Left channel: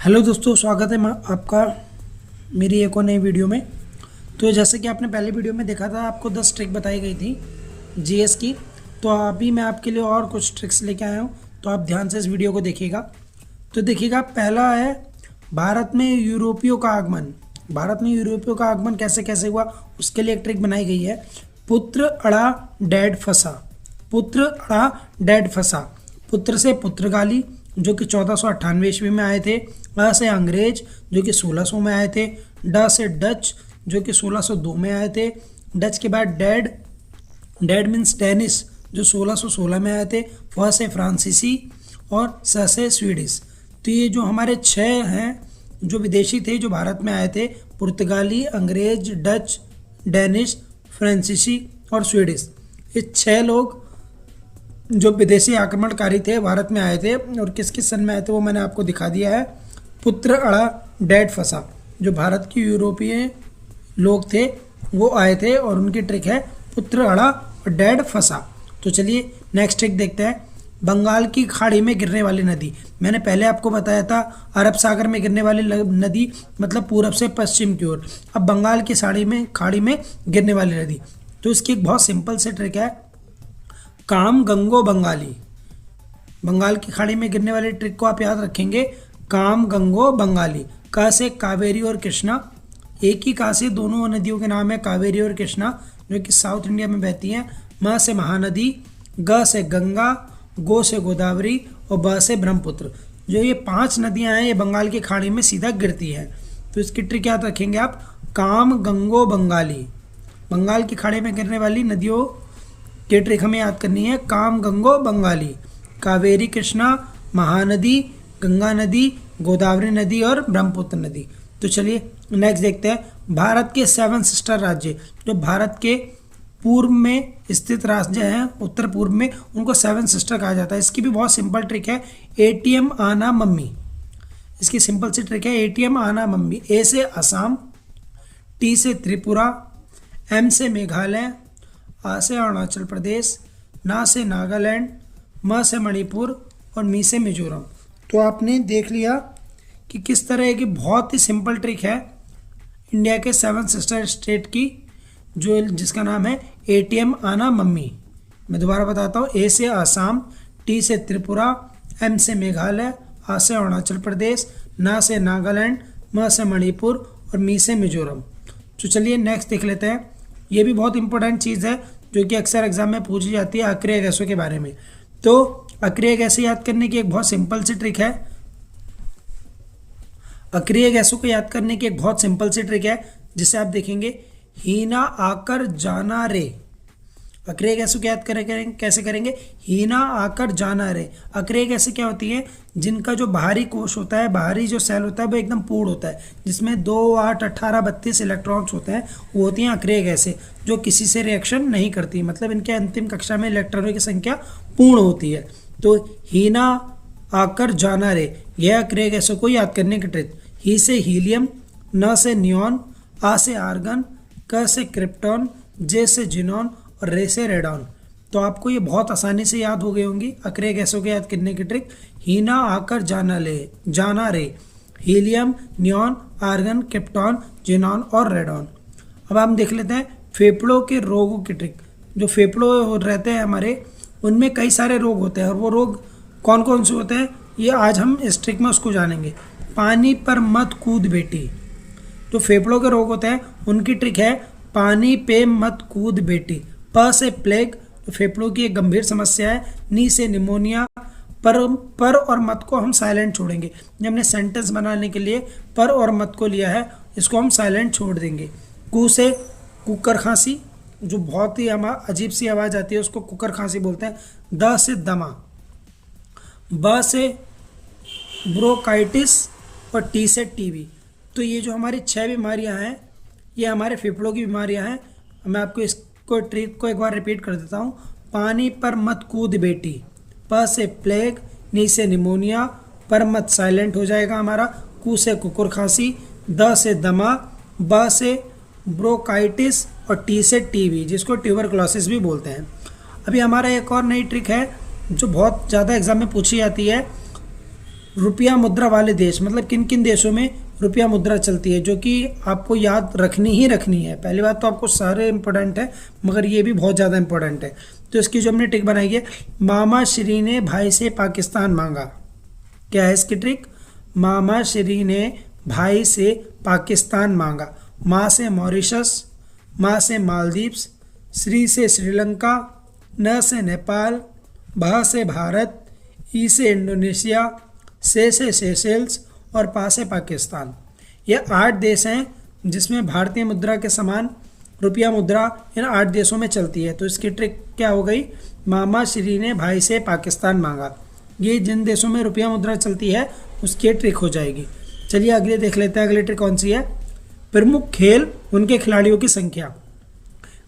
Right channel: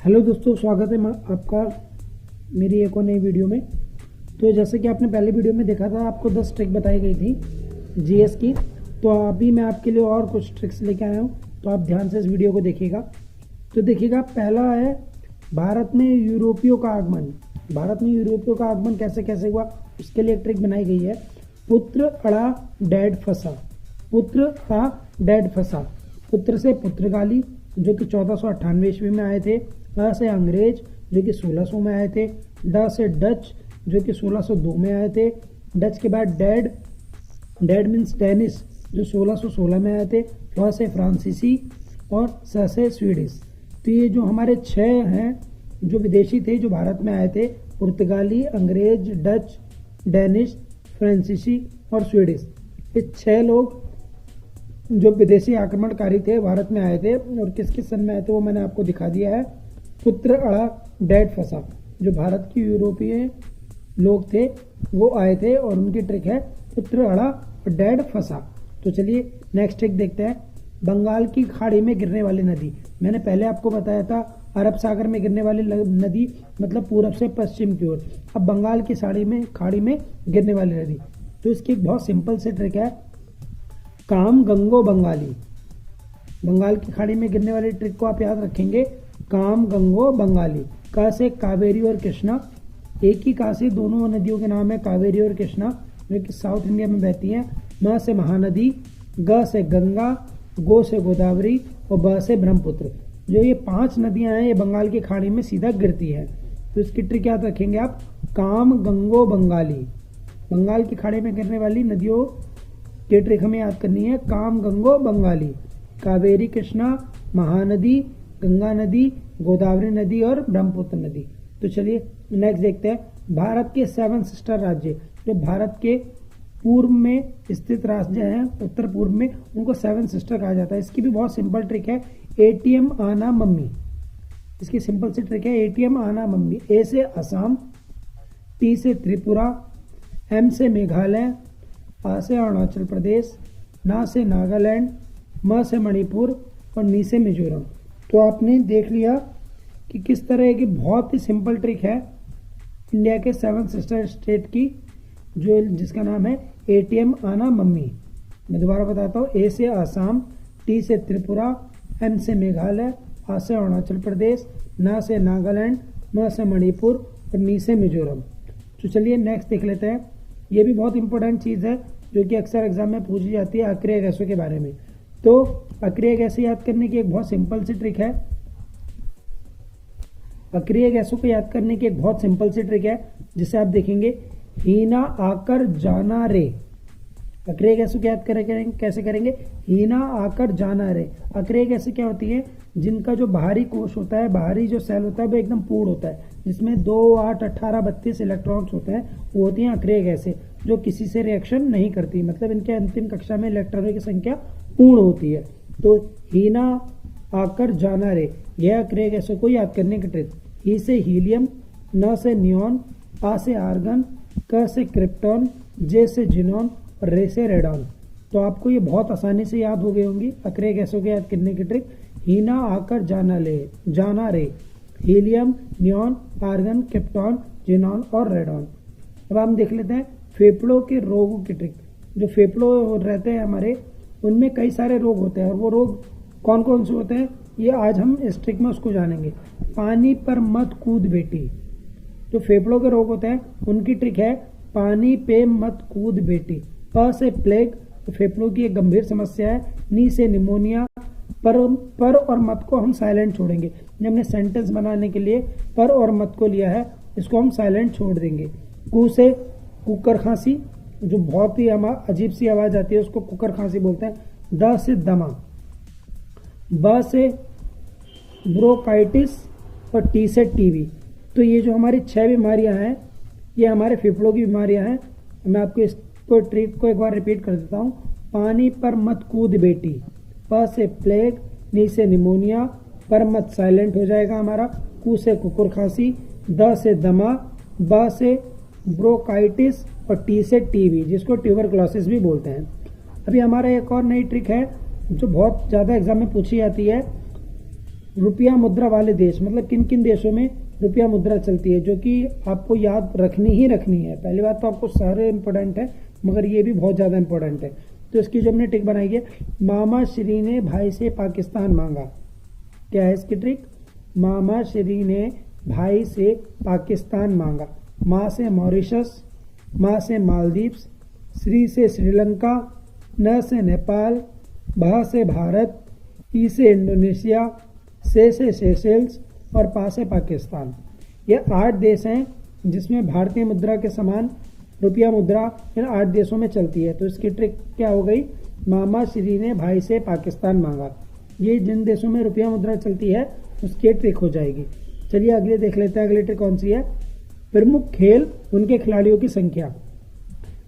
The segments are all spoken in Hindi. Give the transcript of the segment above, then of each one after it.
हेलो दोस्तों, स्वागत है आपका मेरी एक और नई वीडियो में। तो जैसे कि आपने पहले वीडियो में देखा था, आपको 10 ट्रिक बताई गई थी जीएस की। तो अभी मैं आपके लिए और कुछ ट्रिक्स लेके आया हूँ, तो आप ध्यान से इस वीडियो को देखिएगा। तो देखिएगा, पहला है भारत में यूरोपियों का आगमन। भारत में यूरोपियों का आगमन कैसे कैसे हुआ, उसके लिए एक ट्रिक बनाई गई है। पुत्र अड़ा डैड फंसा। पुत्र अड़ा डैड फंसा। पुत्र से पुर्तगाली जो कि 1498 ईस्वी में आए थे। अ से अंग्रेज जो कि 1600 में आए थे। ड से डच जो कि 1602 में आए थे। डच के बाद डैड, डैड मीन्स डेनिस जो 1616 में आए थे। फ से फ्रांसीसी और स से स्वीडिश। तो ये जो हमारे 6 हैं जो विदेशी थे जो भारत में आए थे, पुर्तगाली, अंग्रेज, डच, डेनिश, फ्रांसीसी और स्वीडिश। ये 6 लोग जो विदेशी आक्रमणकारी थे भारत में आए थे। और किस किस सन में आए थे वो मैंने आपको दिखा दिया है। पुत्र अड़ा डैड फंसा, जो भारत के यूरोपीय लोग थे वो आए थे और उनकी ट्रिक है पुत्र अड़ा और डैड फंसा। तो चलिए नेक्स्ट ट्रिक देखते हैं। बंगाल की खाड़ी में गिरने वाली नदी। मैंने पहले आपको बताया था अरब सागर में गिरने वाली नदी मतलब पूरब से पश्चिम की ओर। अब बंगाल की खाड़ी में गिरने वाली नदी, तो इसकी एक बहुत सिंपल सी ट्रिक है, काम गंगो बंगाली। बंगाल की खाड़ी में गिरने वाली ट्रिक को आप याद रखेंगे, काम गंगो बंगाली। का से कावेरी और कृष्णा, एक ही का से दोनों नदियों के नाम है कावेरी और कृष्णा जो कि साउथ इंडिया में बहती हैं। म से महानदी, ग से गंगा, गो से गोदावरी और ब से ब्रह्मपुत्र। जो ये 5 नदियां हैं ये बंगाल की खाड़ी में सीधा गिरती हैं। तो इसकी ट्रिक याद रखेंगे आप, काम गंगो बंगाली। बंगाल की खाड़ी में गिरने वाली नदियों की ट्रिक हमें याद करनी है, काम गंगो बंगाली। कावेरी कृष्णा, महानदी, गंगा नदी, गोदावरी नदी और ब्रह्मपुत्र नदी। तो चलिए नेक्स्ट देखते हैं। भारत के 7 सिस्टर राज्य, जो भारत के पूर्व में स्थित राज्य हैं उत्तर पूर्व में, उनको 7 सिस्टर कहा जाता है। इसकी भी बहुत सिंपल ट्रिक है, एटीएम आना मम्मी। इसकी सिंपल सी ट्रिक है, एटीएम आना मम्मी। ए से असम, टी से त्रिपुरा, एम से मेघालय, आ से अरुणाचल प्रदेश, ना से नागालैंड, म से मणिपुर और मी से मिजोरम। तो आपने देख लिया कि किस तरह की बहुत ही सिंपल ट्रिक है इंडिया के 7 सिस्टर स्टेट की, जो जिसका नाम है एटीएम आना मम्मी। मैं दोबारा बताता हूँ, ए से आसाम, टी से त्रिपुरा, एम से मेघालय, आ से अरुणाचल प्रदेश, ना से नागालैंड, म से मणिपुर और मी से मिजोरम। तो चलिए नेक्स्ट देख लेते हैं। ये भी बहुत इंपॉर्टेंट चीज़ है जो कि अक्सर एग्जाम में पूछी जाती है, अक्रिय गैसों के बारे में। तो अक्रिय गैसें याद करने की एक बहुत सिंपल सी ट्रिक है। अक्रिय गैसों को याद करने की एक बहुत सिंपल सी ट्रिक है, जिसे आप देखेंगे, हीना आकर जाना रे। अक्रिय गैसों को याद करेंगे कैसे करेंगे, हीना आकर जाना रे। अक्रिय गैसें क्या होती है, जिनका जो बाहरी कोश होता है, बाहरी जो सेल होता है वो एकदम पूर्ण होता है, जिसमें 2, 8, 18, 32 इलेक्ट्रॉन्स होते हैं, वो होती हैं अक्रिय गैसें, जो किसी से रिएक्शन नहीं करती। मतलब इनके अंतिम कक्षा में इलेक्ट्रॉनों की संख्या पूर्ण होती है। तो हीना आकर जाना रे, यह अक्रिय गैसों को याद करने की ट्रिक। ही से हीलियम, न से नियॉन, आ से आर्गन, क से क्रिप्टॉन, जे से जिनॉन और रे से रेडॉन। तो आपको ये बहुत आसानी से याद हो गई होंगी अक्रिय गैसों को याद करने की ट्रिक। हीना आकर जाना रे, helium, neon, argon, krypton, xenon और रेडॉन। अब हम देख लेते हैं फेफड़ों के रोगों की ट्रिक। जो फेफड़ों रहते हैं हमारे, उनमें कई सारे रोग होते हैं, और वो रोग कौन कौन से होते हैं ये आज हम इस ट्रिक में उसको जानेंगे। पानी पर मत कूद बेटी। तो फेफड़ों के रोग होते हैं, उनकी ट्रिक है, पानी पे मत कूद बेटी। प से प्लेग, तो फेफड़ों की एक गंभीर समस्या है। नी से निमोनिया, पर और मत को हम साइलेंट छोड़ेंगे। जब हमने सेंटेंस बनाने के लिए पर और मत को लिया है, इसको हम साइलेंट छोड़ देंगे। कू से कुकर खांसी, जो बहुत ही अजीब सी आवाज़ आती है उसको कुकर खांसी बोलते हैं। द से दमा, ब से ब्रोंकाइटिस और टी से टीबी। तो ये जो हमारी 6 बीमारियां हैं ये हमारे फेफड़ों की बीमारियां हैं। मैं आपको इसको ट्रिक को एक बार रिपीट कर देता हूँ। पानी पर मत कूद बेटी, प से प्लेग, नी से निमोनिया, पर मत साइलेंट हो जाएगा हमारा, कू से कुकुर खांसी, द से दमा, ब से ब्रोंकाइटिस और टी से टीबी, जिसको ट्यूबरक्लोसिस भी बोलते हैं। अभी हमारा एक और नई ट्रिक है जो बहुत ज़्यादा एग्जाम में पूछी जाती है, रुपया मुद्रा वाले देश, मतलब किन किन देशों में रुपया मुद्रा चलती है, जो कि आपको याद रखनी ही रखनी है। पहली बात तो आपको सारे इंपॉर्टेंट है, मगर ये भी बहुत ज़्यादा इंपॉर्टेंट है। तो इसकी जो हमने ट्रिक बनाई है, मामा श्री ने भाई से पाकिस्तान मांगा। क्या है इसकी ट्रिक? मामा श्री ने भाई से पाकिस्तान मांगा। माँ से मॉरिशस, माँ से मालदीव्स, श्री से श्रीलंका, न से नेपाल, भा से भारत, ई से इंडोनेशिया, से सेशेल्स और पा से पाकिस्तान। ये 8 देश हैं जिसमें भारतीय मुद्रा के समान रुपया मुद्रा इन 8 देशों में चलती है। तो इसकी ट्रिक क्या हो गई? मामा श्री ने भाई से पाकिस्तान मांगा। ये जिन देशों में रुपया मुद्रा चलती है उसकी ट्रिक हो जाएगी। चलिए अगले देख लेते हैं। अगली ट्रिक कौन सी है? प्रमुख खेल, उनके खिलाड़ियों की संख्या।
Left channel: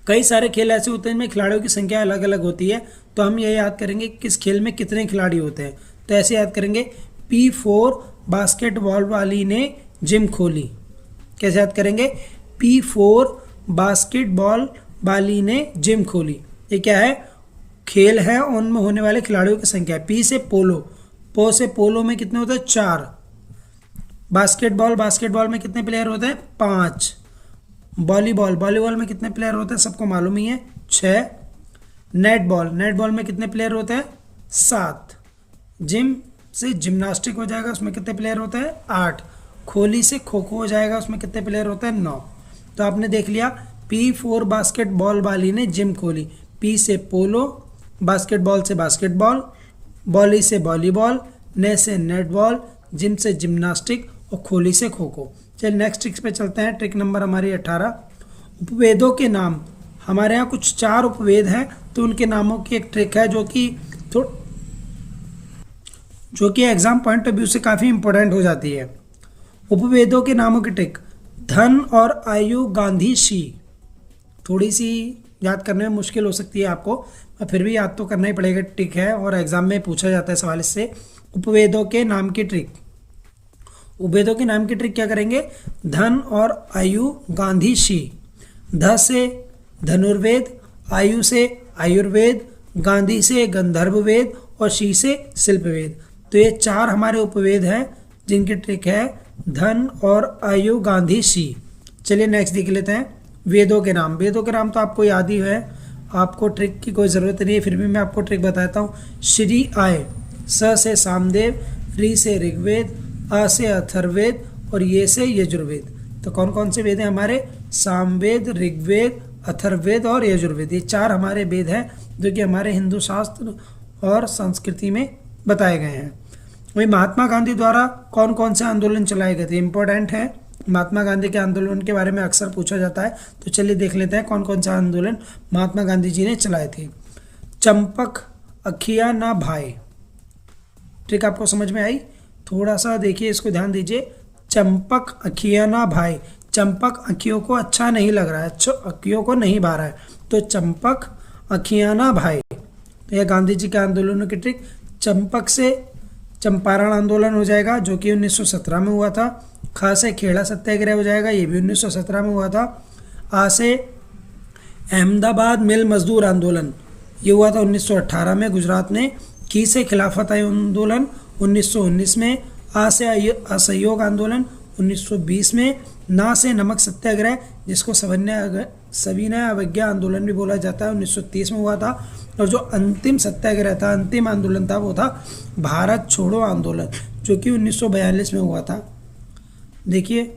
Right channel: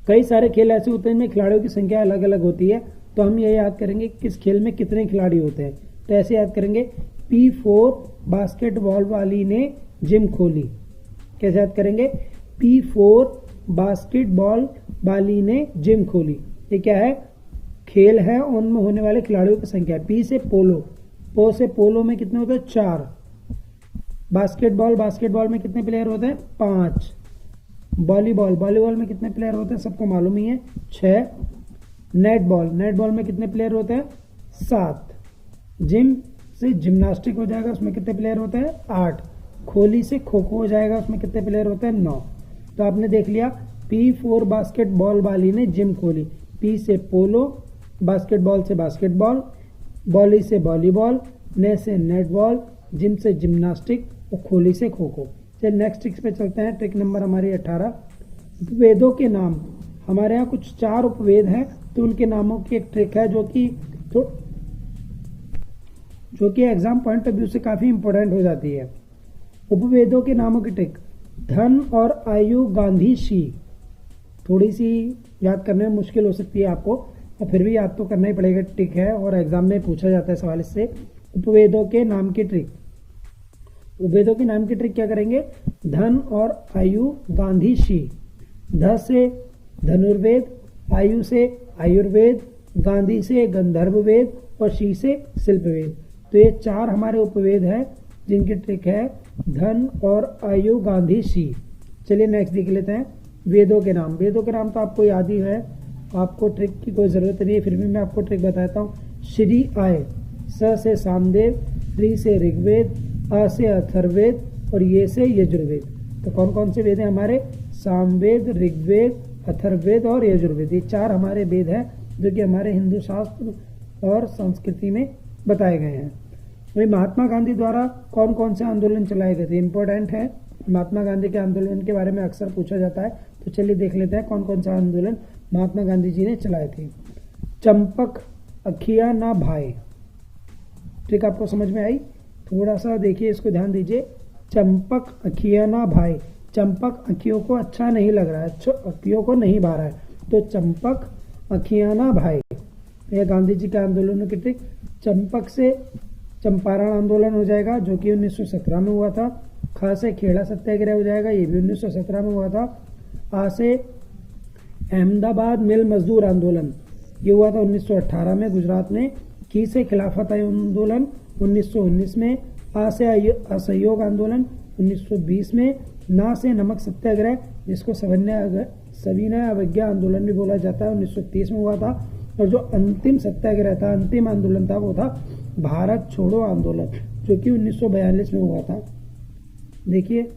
कई सारे खेल ऐसे होते हैं जिनमें खिलाड़ियों की संख्या अलग अलग होती है, तो हम ये याद करेंगे किस खेल में कितने खिलाड़ी होते हैं। तो ऐसे याद करेंगे, P4 बास्केटबॉल वाली ने जिम खोली। कैसे याद करेंगे? P4 बास्केटबॉल वाली ने जिम खोली। ये क्या है? खेल है, उनमें होने वाले खिलाड़ियों की संख्या है। P से पोलो, पो से पोलो में कितने होते हैं? 4। बास्केटबॉल, बास्केटबॉल में कितने प्लेयर होते हैं? 5। वॉलीबॉल, वॉलीबॉल में कितने प्लेयर होते हैं? सबको मालूम ही है, 6। नेटबॉल, नेटबॉल में कितने प्लेयर होते हैं? 7। जिम से जिम्नास्टिक हो जाएगा, उसमें कितने प्लेयर होते हैं? 8। खोली से खो खो हो जाएगा, उसमें कितने प्लेयर होते हैं? 9। तो आपने देख लिया, P4 बास्केटबॉल वाली ने जिम खोली। P से पोलो, बास्केटबॉल से बास्केटबॉल, बॉली से वॉलीबॉल, ने से नेटबॉल, जिम से जिम्नास्टिक और खोली से खो खो। चलिए नेक्स्ट ट्रिक्स पे चलते हैं। ट्रिक नंबर हमारी 18। उपवेदों के नाम। हमारे यहाँ कुछ 4 उपवेद हैं, तो उनके नामों की एक ट्रिक है जो कि एग्जाम पॉइंट ऑफ व्यू से काफ़ी इंपॉर्टेंट हो जाती है। उपवेदों के नामों की ट्रिक। धन और आयु गांधी शी। थोड़ी सी याद करने में मुश्किल हो सकती है आपको, पर फिर भी याद तो करना ही पड़ेगा। ट्रिक है और एग्जाम में पूछा जाता है सवाल इससे। उपवेदों के नाम की ट्रिक। उपवेदों के नाम की ट्रिक क्या करेंगे? धन और आयु गांधी शी। ध से धनुर्वेद, आयु से आयुर्वेद, गांधी से गंधर्ववेद और शी से शिल्पवेद। तो ये 4 हमारे उपवेद हैं जिनकी ट्रिक है धन और आयु गांधी शी। चलिए नेक्स्ट देख लेते हैं। वेदों के नाम। वेदों के नाम तो आपको याद ही है, आपको ट्रिक की कोई ज़रूरत नहीं है, फिर भी मैं आपको ट्रिक बताता हूँ। श्री आय, स से सामदेव, री से ऋग्वेद, आ से अथर्ववेद और ये से यजुर्वेद। तो कौन कौन से वेद हैं हमारे? सामवेद, ऋग्वेद, अथर्ववेद और यजुर्वेद। ये 4 हमारे वेद हैं जो कि हमारे हिंदू शास्त्र और संस्कृति में बताए गए हैं। वही महात्मा गांधी द्वारा कौन कौन से आंदोलन चलाए गए थे? इंपॉर्टेंट है, महात्मा गांधी के आंदोलन के बारे में अक्सर पूछा जाता है। तो चलिए देख लेते हैं कौन कौन सा आंदोलन महात्मा गांधी जी ने चलाए थे। चंपक अखिया ना भाई। ट्रिक आपको समझ में आई? थोड़ा सा देखिए, इसको ध्यान दीजिए। चंपक अखिया ना भाई। चंपक अखियों को अच्छा नहीं लग रहा है, अखियों को नहीं भा रहा है, तो चंपक अखिया ना भाई। तो यह गांधी जी के आंदोलनों की ट्रिक। चंपक से चंपारण आंदोलन हो जाएगा जो कि 1917 में हुआ था। ख से खेड़ा सत्याग्रह हो जाएगा, ये भी 1917 में हुआ था। आ से अहमदाबाद मिल मजदूर आंदोलन, ये हुआ था 1918 में गुजरात में। की से खिलाफत आंदोलन 1919 में। आ से असहयोग आंदोलन 1920 में। ना से नमक सत्याग्रह जिसको सविनय अवज्ञा आंदोलन भी बोला जाता है 1930 में हुआ था। और जो अंतिम सत्याग्रह था, अंतिम आंदोलन था, वो था भारत छोड़ो आंदोलन जो कि 1942 में हुआ था। देखिए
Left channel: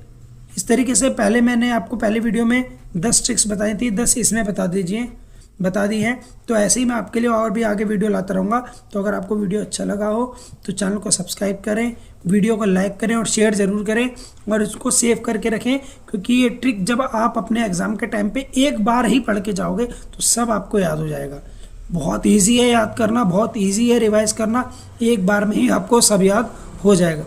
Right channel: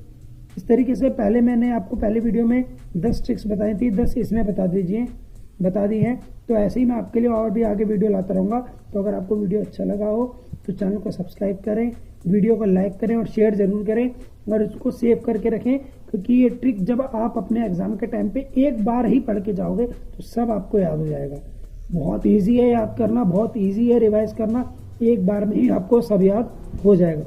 इस तरीके से पहले मैंने आपको पहले वीडियो में 10 ट्रिक्स बताई थी, 10 इसमें बता दी हैं। तो ऐसे ही मैं आपके लिए और भी आगे वीडियो लाता रहूँगा। तो अगर आपको वीडियो अच्छा लगा हो तो चैनल को सब्सक्राइब करें, वीडियो को लाइक करें और शेयर ज़रूर करें और इसको सेव करके रखें, क्योंकि ये ट्रिक जब आप अपने एग्ज़ाम के टाइम पे एक बार ही पढ़ के जाओगे तो सब आपको याद हो जाएगा। बहुत ईजी है याद करना, बहुत ईजी है रिवाइज करना, एक बार में ही आपको सब याद हो जाएगा।